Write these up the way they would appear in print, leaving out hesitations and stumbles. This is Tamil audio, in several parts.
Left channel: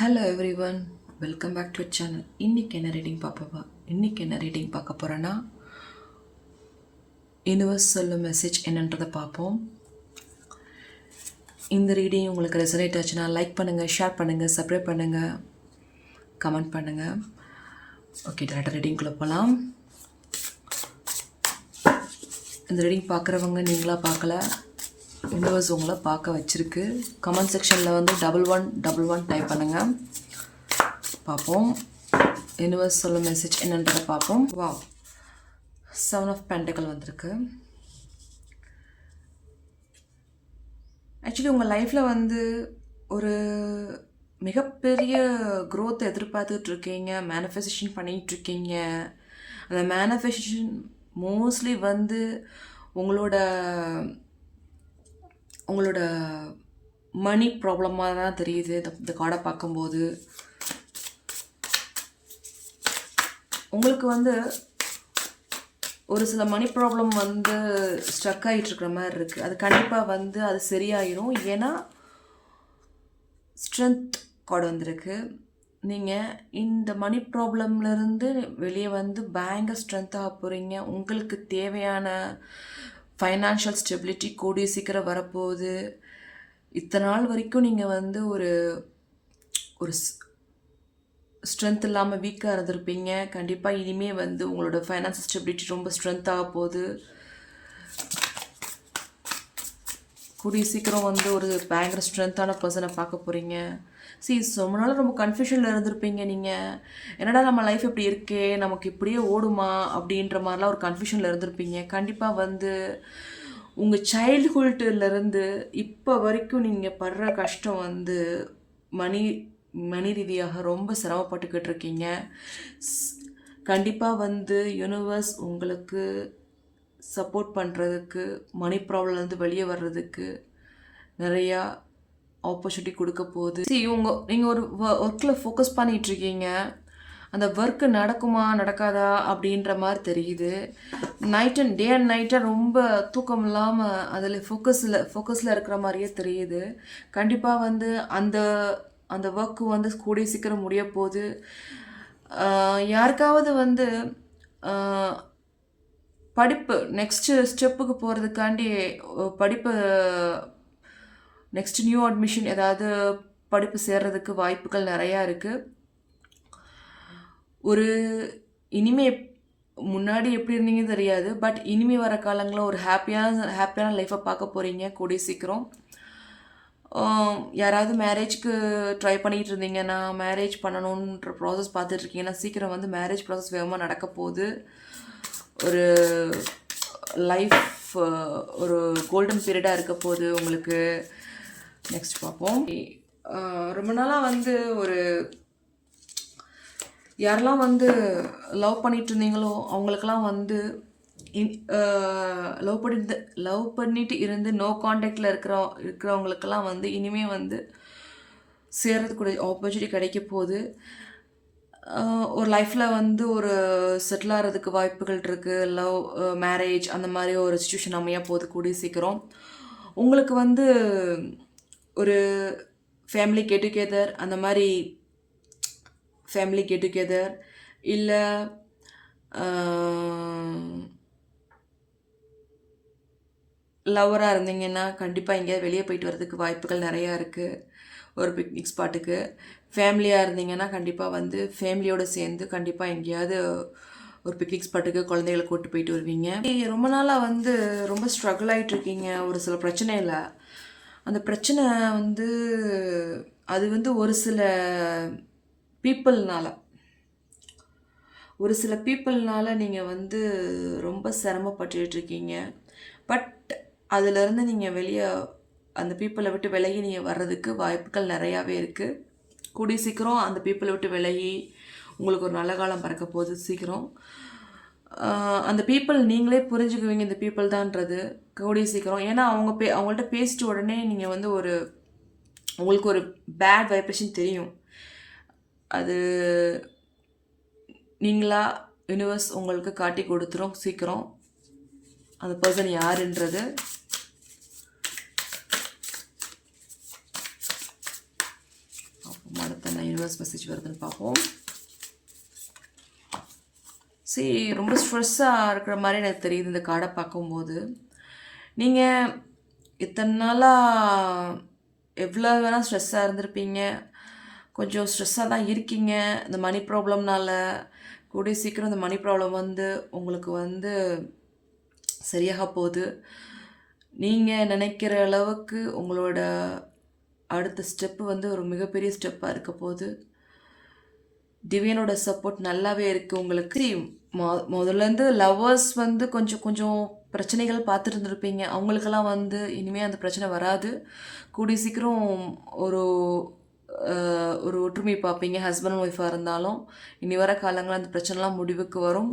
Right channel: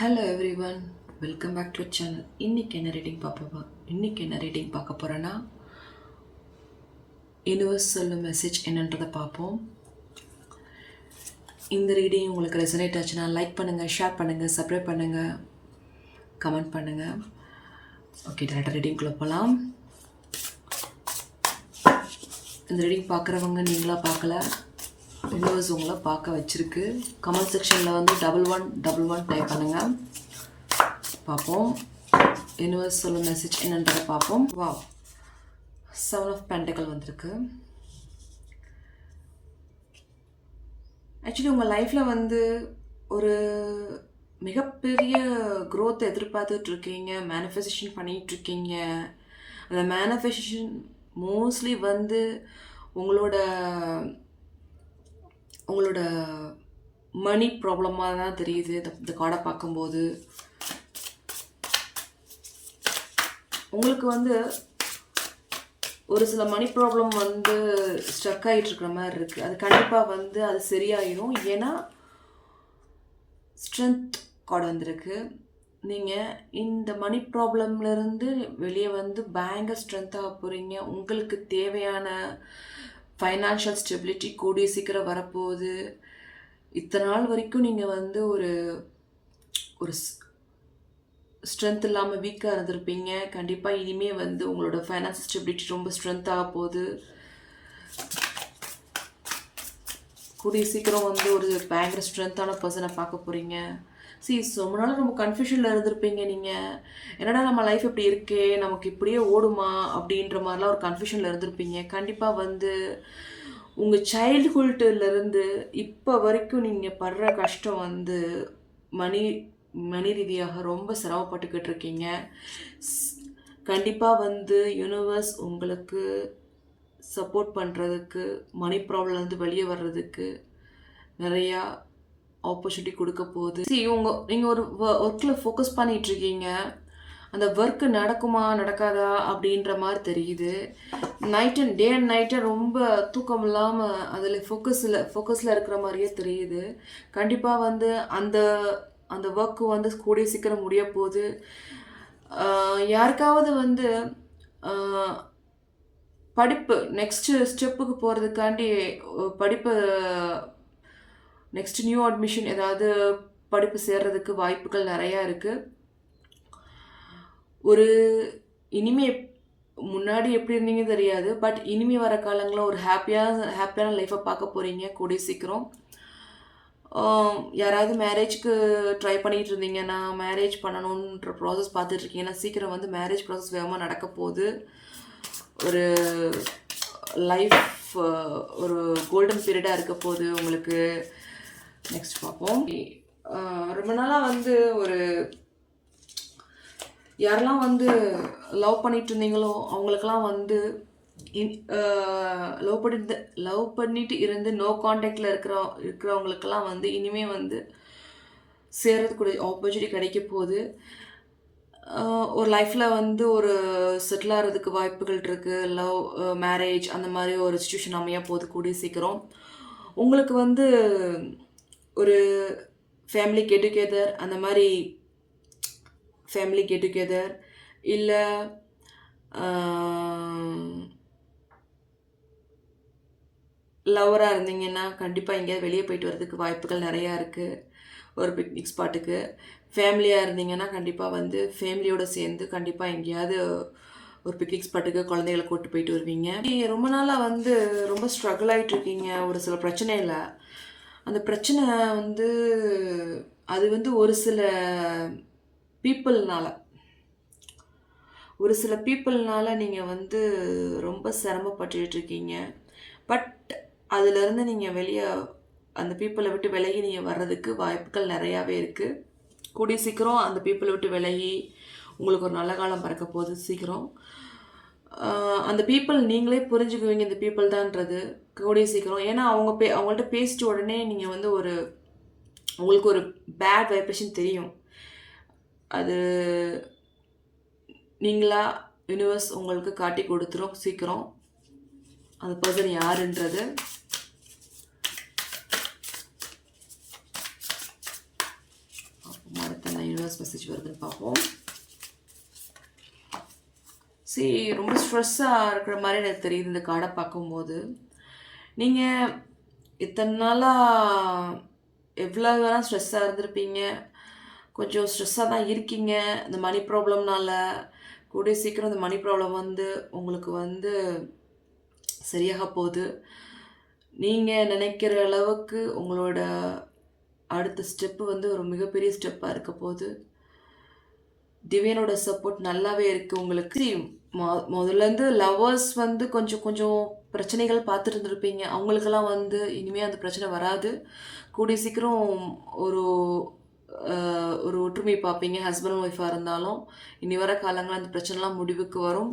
Hello everyone, welcome back to channel. இன்றைக்கி என்ன ரீடிங் பார்க்க போகிறேன்னா, யூனிவர்ஸ் சொல்லும் மெசேஜ் என்னன்றதை பார்ப்போம். இந்த ரீடிங் உங்களுக்கு ரெசனேட் ஆச்சுன்னா லைக் பண்ணுங்கள், ஷேர் பண்ணுங்கள், சப்ஸ்கிரைப் பண்ணுங்கள், கமெண்ட் பண்ணுங்கள். ஓகே, டேரக்டாக ரீடிங்குள்ளே போகலாம். இந்த ரீடிங் பார்க்குறவங்க நீங்களாக பார்க்கல, யூனிவர்ஸ் உங்களை பார்க்க வச்சுருக்கு. கமெண்ட் செக்ஷனில் வந்து 1111 டைப் பண்ணுங்கள். பார்ப்போம் யூனிவர்ஸ் சொல்ல மெசேஜ் என்னன்றதை பார்ப்போம். வா, 7 ஆஃப் பென்டக்கிள் வந்திருக்கு. ஆக்சுவலி உங்கள் லைஃப்பில் வந்து ஒரு மிகப்பெரிய க்ரோத் எதிர்பார்த்துட்ருக்கீங்க, மேனிஃபெஸ்டேஷன் பண்ணிகிட்ருக்கீங்க. அந்த மேனிஃபெஸ்டேஷன் மோஸ்ட்லி வந்து உங்களோட மணி ப்ராப்ளமாக தான் தெரியுது. இந்த கார்டை பார்க்கும்போது உங்களுக்கு வந்து ஒரு சில மணி ப்ராப்ளம் வந்து ஸ்ட்ரக் ஆகிட்டுருக்கிற மாதிரி இருக்குது. அது கண்டிப்பாக வந்து அது சரியாயிடும். ஏன்னா ஸ்ட்ரென்த் கார்டு வந்திருக்கு. நீங்கள் இந்த மணி ப்ராப்ளம்லேருந்து வெளியே வந்து பயங்கர ஸ்ட்ரென்த்தாக போகிறீங்க. உங்களுக்கு தேவையான ஃபைனான்ஷியல் ஸ்டெபிலிட்டி கூடிய சீக்கிரம் வரப்போகுது. இத்தனை நாள் வரைக்கும் நீங்கள் வந்து ஒரு ஸ்ட்ரென்த் இல்லாமல் வீக்காக இருந்திருப்பீங்க. கண்டிப்பாக இனிமேல் வந்து உங்களோட ஃபைனான்ஷியல் ஸ்டெபிலிட்டி ரொம்ப ஸ்ட்ரென்த்தாக போகுது. கூடிய சீக்கிரம் வந்து ஒரு பயங்கர ஸ்ட்ரென்த்தான பர்சனை பார்க்க போகிறீங்க. ரொம்ப நாள் ரொம்ப கன்ஃபியூஷனில் இருந்திருப்பீங்க. நீங்கள் என்னடா நம்ம லைஃப் இப்படி இருக்கே, நமக்கு இப்படியே ஓடுமா அப்படின்ற மாதிரிலாம் ஒரு கன்ஃபியூஷனில் இருந்திருப்பீங்க. கண்டிப்பாக வந்து உங்கள் சைல்டுஹுட்லேருந்து இப்போ வரைக்கும் நீங்கள் படுற கஷ்டம் வந்து மணி ரீதியாக ரொம்ப சிரமப்பட்டுக்கிட்டு இருக்கீங்க. கண்டிப்பாக வந்து யூனிவர்ஸ் உங்களுக்கு சப்போர்ட் பண்ணுறதுக்கு, மணி ப்ராப்ளம்லேருந்து வெளியே வர்றதுக்கு நிறையா ஆப்பர்ச்சுனிட்டி கொடுக்க போகுது. நீங்கள் ஒரு ஒர்க்கில் ஃபோக்கஸ் பண்ணிகிட்ருக்கீங்க. அந்த ஒர்க்கு நடக்குமா நடக்காதா அப்படின்ற மாதிரி தெரியுது. டே அண்ட் நைட்டாக ரொம்ப தூக்கம் இல்லாமல் அதில் ஃபோக்கஸில் இருக்கிற மாதிரியே தெரியுது. கண்டிப்பாக வந்து அந்த ஒர்க்கு வந்து கூடிய சீக்கிரம் முடிய போகுது. யாருக்காவது வந்து படிப்பு நெக்ஸ்ட்டு ஸ்டெப்புக்கு போகிறதுக்காண்டி படிப்பு நெக்ஸ்ட் நியூ அட்மிஷன் ஏதாவது படிப்பு சேர்றதுக்கு வாய்ப்புகள் நிறையா இருக்குது. முன்னாடி எப்படி இருந்தீங்க தெரியாது, பட் இனிமே வர காலங்களில் ஒரு ஹாப்பியான லைஃப்பை பார்க்க போகிறீங்க கூடிய சீக்கிரம். யாராவது மேரேஜ்க்கு ட்ரை பண்ணிகிட்டு இருந்தீங்கன்னா, மேரேஜ் பண்ணணுன்ற ப்ராசஸ் பார்த்துட்ருக்கீங்கன்னா சீக்கிரம் வந்து மேரேஜ் ப்ராசஸ் வேகமாக நடக்க போகுது. ஒரு லைஃப் ஒரு கோல்டன் பீரியடாக இருக்க போகுது உங்களுக்கு. நெக்ஸ்ட் பார்ப்போம். ரொம்ப நாளாக வந்து யாரெல்லாம் வந்து லவ் பண்ணிட்டு இருந்தீங்களோ அவங்களுக்கெல்லாம் வந்து லவ் பண்ணிட்டு இருந்து நோ கான்டாக்டில் இருக்கிறவங்களுக்கெல்லாம் வந்து இனிமேல் வந்து சேர்றதுக்கூடிய ஆப்பர்ச்சுனிட்டி கிடைக்க போகுது. ஒரு லைஃப்பில் வந்து ஒரு செட்டில் ஆகிறதுக்கு வாய்ப்புகள் இருக்குது. லவ் மேரேஜ் அந்த மாதிரி ஒரு சிச்சுவேஷன் அமைய போகுது கூடிய சீக்கிரம். உங்களுக்கு வந்து ஒரு ஃபேமிலி கெட் டுகெதர், அந்த மாதிரி ஃபேமிலி கெட் டுகெதர் இல்லை லவராக இருந்தீங்கன்னா கண்டிப்பாக எங்கேயாவது வெளியே போயிட்டு வரதுக்கு வாய்ப்புகள் நிறையா இருக்குது. ஒரு பிக்னிக் ஸ்பாட்டுக்கு. ஃபேமிலியாக இருந்தீங்கன்னா கண்டிப்பாக வந்து ஃபேமிலியோடு சேர்ந்து கண்டிப்பாக எங்கேயாவது ஒரு பிக்னிக் ஸ்பாட்டுக்கு குழந்தைகளை கூப்பிட்டு போயிட்டு வருவீங்க. ரொம்ப நாளாக வந்து ரொம்ப ஸ்ட்ரகிள் ஆகிட்ருக்கீங்க ஒரு சில பிரச்சனையில். அந்த பிரச்சனை வந்து அது வந்து ஒரு சில பீப்புள்னால நீங்கள் வந்து ரொம்ப சிரமப்பட்டுருக்கீங்க. பட் அதிலேருந்து நீங்கள் வெளியே அந்த பீப்புளை விட்டு விலகி நீங்கள் வர்றதுக்கு வாய்ப்புகள் நிறையாவே இருக்குது. கூடிய சீக்கிரம் அந்த பீப்புளை விட்டு விலகி உங்களுக்கு ஒரு நல்ல காலம் பிறக்க போகுது சீக்கிரம். அந்த பீப்புள் நீங்களே புரிஞ்சுக்குவீங்க இந்த பீப்புள் தான்ன்றது கூடிய சீக்கிரம். ஏன்னா அவங்கள்ட்ட பேசிட்ட உடனே நீங்கள் வந்து உங்களுக்கு ஒரு பேட் வைப்ரேஷன் தெரியும். அது நீங்களா யூனிவர்ஸ் உங்களுக்கு காட்டி கொடுத்துரும் சீக்கிரம் அந்த பர்சன் யாருன்றது. அடுத்த யூனிவர்ஸ் மெசேஜ் வருதுன்னு பார்ப்போம். சரி, ரொம்ப ஸ்ட்ரெஸ்ஸாக இருக்கிற மாதிரி எனக்கு தெரியுது இந்த கார்டை பார்க்கும்போது. நீங்கள் இத்தனை நாளாக எவ்வளோ வேணால் ஸ்ட்ரெஸ்ஸாக இருந்திருப்பீங்க, கொஞ்சம் ஸ்ட்ரெஸ்ஸாக தான் இருக்கீங்க இந்த மணி ப்ராப்ளம்னால. கூடிய சீக்கிரம் இந்த மணி ப்ராப்ளம் வந்து உங்களுக்கு வந்து சரியாக போகுது. நீங்கள் நினைக்கிற அளவுக்கு உங்களோட அடுத்த ஸ்டெப்பு வந்து ஒரு மிகப்பெரிய ஸ்டெப்பாக இருக்க போகுது. டிவைனோட சப்போர்ட் நல்லாவே இருக்குது உங்களுக்கு. முதல்லேருந்து லவ்வர்ஸ் வந்து கொஞ்சம் கொஞ்சம் பிரச்சனைகள் பார்த்துட்டு இருந்திருப்பீங்க. அவங்களுக்கெல்லாம் வந்து இனிமேல் அந்த பிரச்சனை வராது. கூடிய சீக்கிரம் ஒரு ஒரு ஒற்றுமை பார்ப்பீங்க. ஹஸ்பண்ட் அண்ட் ஒய்ஃபாக இருந்தாலும் இனி வர காலங்கள் அந்த பிரச்சனைலாம் முடிவுக்கு வரும்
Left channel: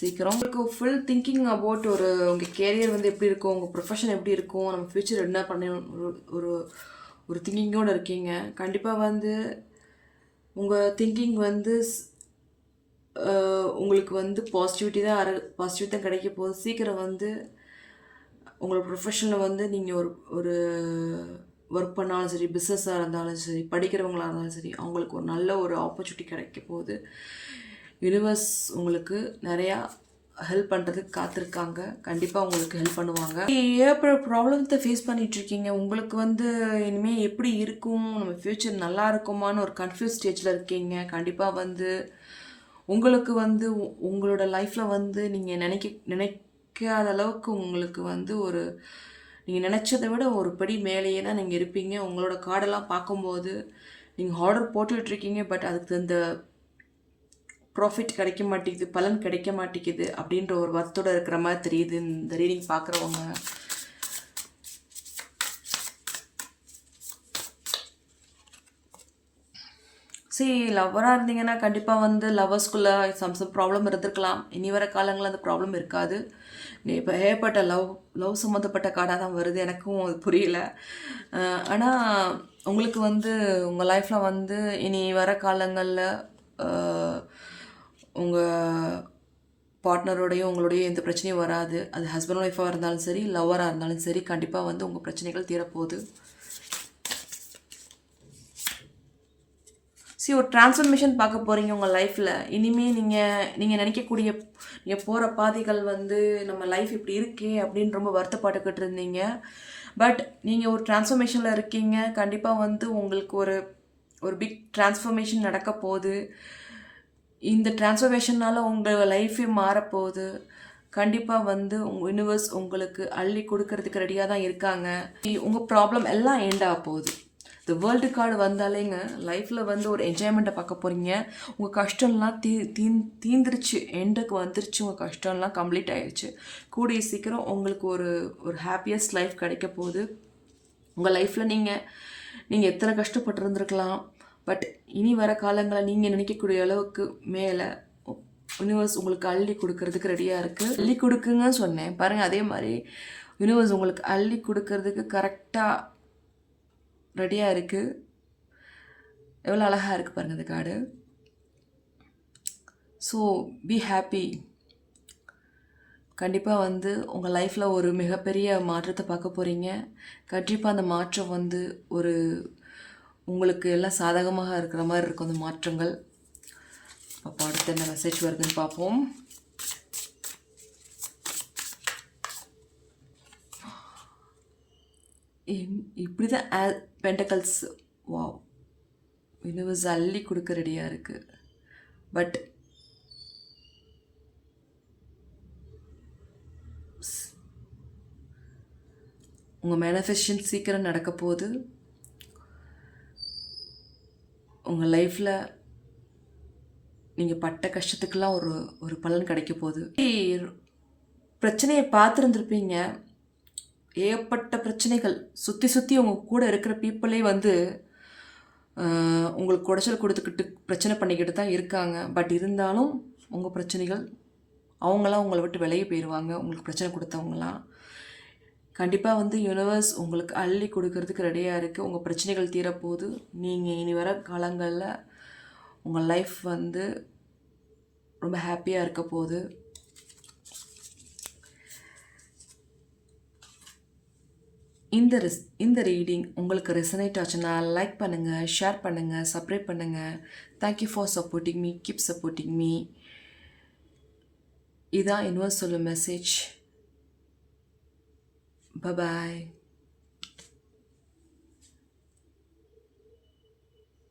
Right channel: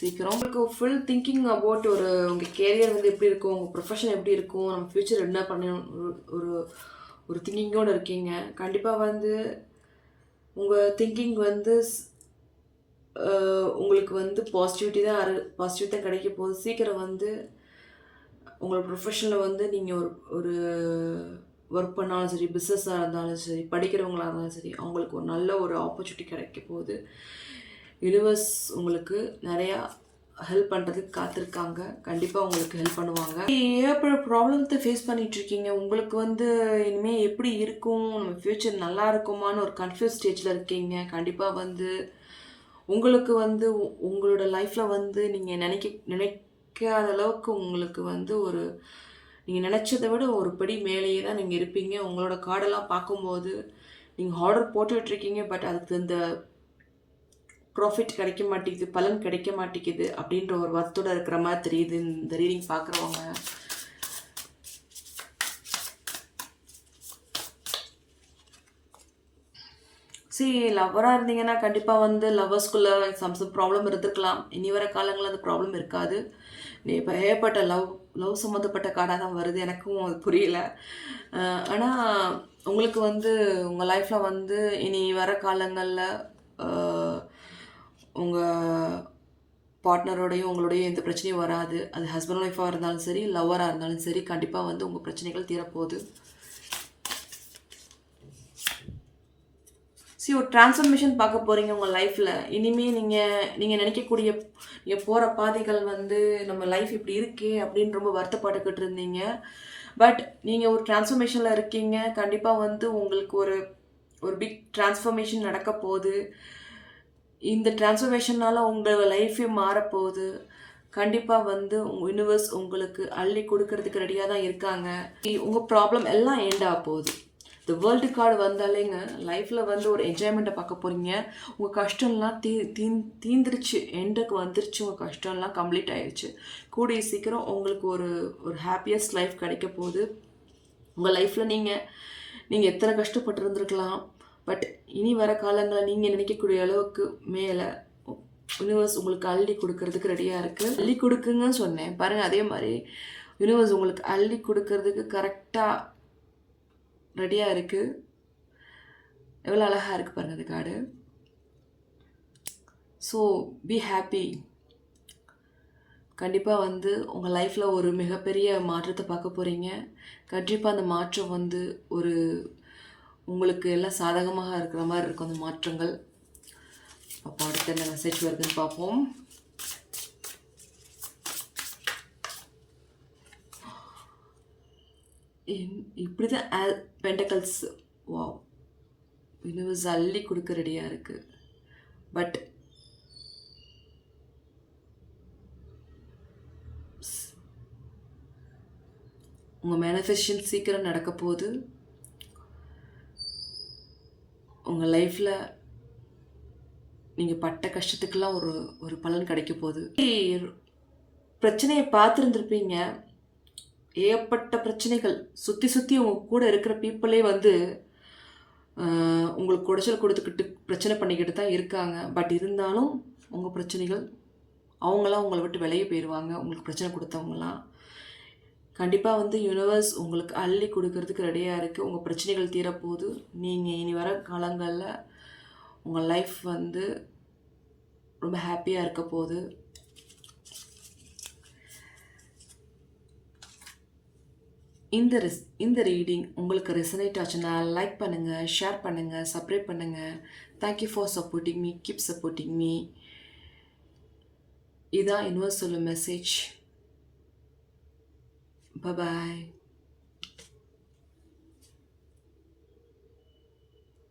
சீக்கிரம். உங்களுக்கு ஃபுல் திங்கிங் அபவுட் ஒரு உங்கள் கேரியர் வந்து எப்படி இருக்கும், உங்கள் ப்ரொஃபஷன் எப்படி இருக்கும், நம்ம ஃப்யூச்சர் என்ன பண்ணணும், ஒரு ஒரு திங்கிங்கோடு இருக்கீங்க. கண்டிப்பாக வந்து உங்கள் திங்கிங் வந்து உங்களுக்கு வந்து பாசிட்டிவ் தான் கிடைக்க போகுது. சீக்கிரம் வந்து உங்களோட ப்ரொஃபஷனில் வந்து நீங்கள் ஒரு ஒர்க் பண்ணாலும் சரி, பிஸ்னஸாக இருந்தாலும் சரி, படிக்கிறவங்களாக இருந்தாலும் சரி, அவங்களுக்கு ஒரு நல்ல ஒரு ஆப்பர்ச்சுனிட்டி கிடைக்க போகுது. யூனிவர்ஸ் உங்களுக்கு நிறையா ஹெல்ப் பண்ணுறதுக்கு காத்திருக்காங்க. கண்டிப்பாக உங்களுக்கு ஹெல்ப் பண்ணுவாங்க. ஏற்பட்ட ப்ராப்ளத்தை ஃபேஸ் பண்ணிகிட்ருக்கீங்க. உங்களுக்கு வந்து இனிமேல் எப்படி இருக்கும், நம்ம ஃப்யூச்சர் நல்லா இருக்குமான்னு ஒரு கன்ஃபியூஸ் ஸ்டேஜில் இருக்கீங்க. கண்டிப்பாக வந்து உங்களுக்கு வந்து உங்களோட லைஃப்பில் வந்து நீங்கள் நினைக்காத அளவுக்கு உங்களுக்கு வந்து ஒரு நீங்கள் நினச்சதை விட ஒரு படி மேலேயே தான் நீங்கள் இருப்பீங்க. உங்களோட கார்டெல்லாம் பார்க்கும்போது நீங்கள் ஆர்டர் போட்டுட்ருக்கீங்க, பட் அதுக்கு இந்த ப்ராஃபிட் கிடைக்க மாட்டேங்குது, பலன் கிடைக்க மாட்டேங்குது அப்படின்ற ஒரு வருத்தோடு இருக்கிற மாதிரி தெரியுது இந்த ரீடிங் பார்க்குறவங்க. சரி, லவ்வராக இருந்தீங்கன்னா கண்டிப்பாக வந்து லவ்வர்ஸ்குள்ளே சம் ப்ராப்ளம் இருந்திருக்கலாம். இனி வர காலங்களில் அந்த ப்ராப்ளம் இருக்காது. இப்போ ஏற்பட்ட லவ் சம்மந்தப்பட்ட கார்டாக தான் வருது. எனக்கும் அது புரியல. ஆனால் உங்களுக்கு வந்து உங்கள் லைஃப்பில் வந்து இனி வர காலங்களில் உங்கள் பார்ட்னரோடையும் உங்களோடையும் எந்த பிரச்சனையும் வராது. அது ஹஸ்பண்ட் ஒய்ஃபாக இருந்தாலும் சரி, லவ்வராக இருந்தாலும் சரி, கண்டிப்பாக வந்து உங்கள் பிரச்சனைகள் தீரப்போகுது. சரி, ஒரு டிரான்ஸ்ஃபர்மேஷன் பார்க்க போகிறீங்க உங்கள் லைஃப்பில். இனிமேல் நீங்கள் நினைக்கக்கூடிய நீங்கள் போகிற பாதைகள் வந்து நம்ம லைஃப் இப்படி இருக்கே அப்படின்னு ரொம்ப வருத்தப்பட்டுக்கிட்டு இருந்தீங்க. பட் நீங்கள் ஒரு டிரான்ஸ்ஃபர்மேஷனில் இருக்கீங்க. கண்டிப்பாக வந்து உங்களுக்கு ஒரு பிக் டிரான்ஸ்ஃபர்மேஷன் நடக்க போகுது. இந்த டிரான்ஸ்ஃபர்மேஷனால் உங்கள் லைஃபே மாறப்போகுது. கண்டிப்பாக வந்து உங்கள் யூனிவர்ஸ் உங்களுக்கு அள்ளி கொடுக்கறதுக்கு ரெடியாக தான் இருக்காங்க. உங்கள் ப்ராப்ளம் எல்லாம் எண்ட் ஆக போகுது. இந்த வேர்ல்டு கார்டு வந்தாலேங்க லைஃப்பில் வந்து ஒரு என்ஜாய்மெண்ட்டை பார்க்க போகிறீங்க. உங்கள் கஷ்டம்லாம் தீந்துருச்சு, எண்டுக்கு வந்துருச்சு. உங்கள் கஷ்டம்லாம் கம்ப்ளீட் ஆயிடுச்சு. கூடிய சீக்கிரம் உங்களுக்கு ஒரு ஹாப்பியஸ்ட் லைஃப் கிடைக்க போகுது. உங்கள் லைஃப்பில் நீங்கள் எத்தனை கஷ்டப்பட்டுருந்துருக்கலாம், பட் இனி வர காலங்களில் நீங்கள் நினைக்கக்கூடிய அளவுக்கு மேலே யூனிவர்ஸ் உங்களுக்கு அள்ளி கொடுக்கறதுக்கு ரெடியாக இருக்குது. அள்ளி கொடுக்குங்கன்னு சொன்னேன் பாருங்கள். அதே மாதிரி யூனிவர்ஸ் உங்களுக்கு அள்ளி கொடுக்கறதுக்கு கரெக்டாக ரெடியாக இருக்குது. எவ்வளோ அழகாக இருக்குது பாருங்கள் இந்த கார்டு. So be happy. கண்டிப்பாக வந்து உங்கள் லைஃப்பில் ஒரு மிகப்பெரிய மாற்றத்தை பார்க்க போகிறீங்க. கண்டிப்பாக அந்த மாற்றம் வந்து உங்களுக்கு எல்லாம் சாதகமாக இருக்கிற மாதிரி இருக்கும் அந்த மாற்றங்கள். அப்போ அடுத்த என்ன மெசேஜ் வருதுன்னு பார்ப்போம். இப்படி தான் பென்டக்கல்ஸ். வா, யூனிவர்ஸ் அள்ளி கொடுக்க ரெடியாக இருக்குது. பட் உங்கள் மேனிஃபெஸ்டேஷன் சீக்கிரம் நடக்க போகுது. உங்கள் லைஃப்பில் நீங்கள் பட்ட கஷ்டத்துக்கெல்லாம் ஒரு பலன் கிடைக்க போகுது. பிரச்சனையை பார்த்துருந்துருப்பீங்க. ஏகப்பட்ட பிரச்சனைகள் சுற்றி உங்கள் கூட இருக்கிற பீப்புளே வந்து உங்களுக்கு குடைச்சல் கொடுத்துக்கிட்டு பிரச்சனை பண்ணிக்கிட்டு தான் இருக்காங்க. பட் இருந்தாலும் உங்கள் பிரச்சனைகள் அவங்களாம் உங்களை விட்டு விலகி போயிடுவாங்க. உங்களுக்கு பிரச்சனை கொடுத்தவங்களாம் கண்டிப்பாக வந்து யூனிவர்ஸ் உங்களுக்கு அள்ளி கொடுக்கறதுக்கு ரெடியாக இருக்குது. உங்கள் பிரச்சனைகள் தீரப்போகுது. நீங்கள் இனி வர காலங்களில் உங்கள் லைஃப் வந்து ரொம்ப ஹாப்பியாக இருக்க போகுது. இந்த ரீடிங் உங்களுக்கு ரெசனேட் ஆச்சுன்னா லைக் பண்ணுங்கள், ஷேர் பண்ணுங்கள், சப்ஸ்கிரைப் பண்ணுங்கள். Thank you for supporting me, keep supporting me. இதான் யூனிவர்ஸ் சொல்லும் மெசேஜ். பாய்.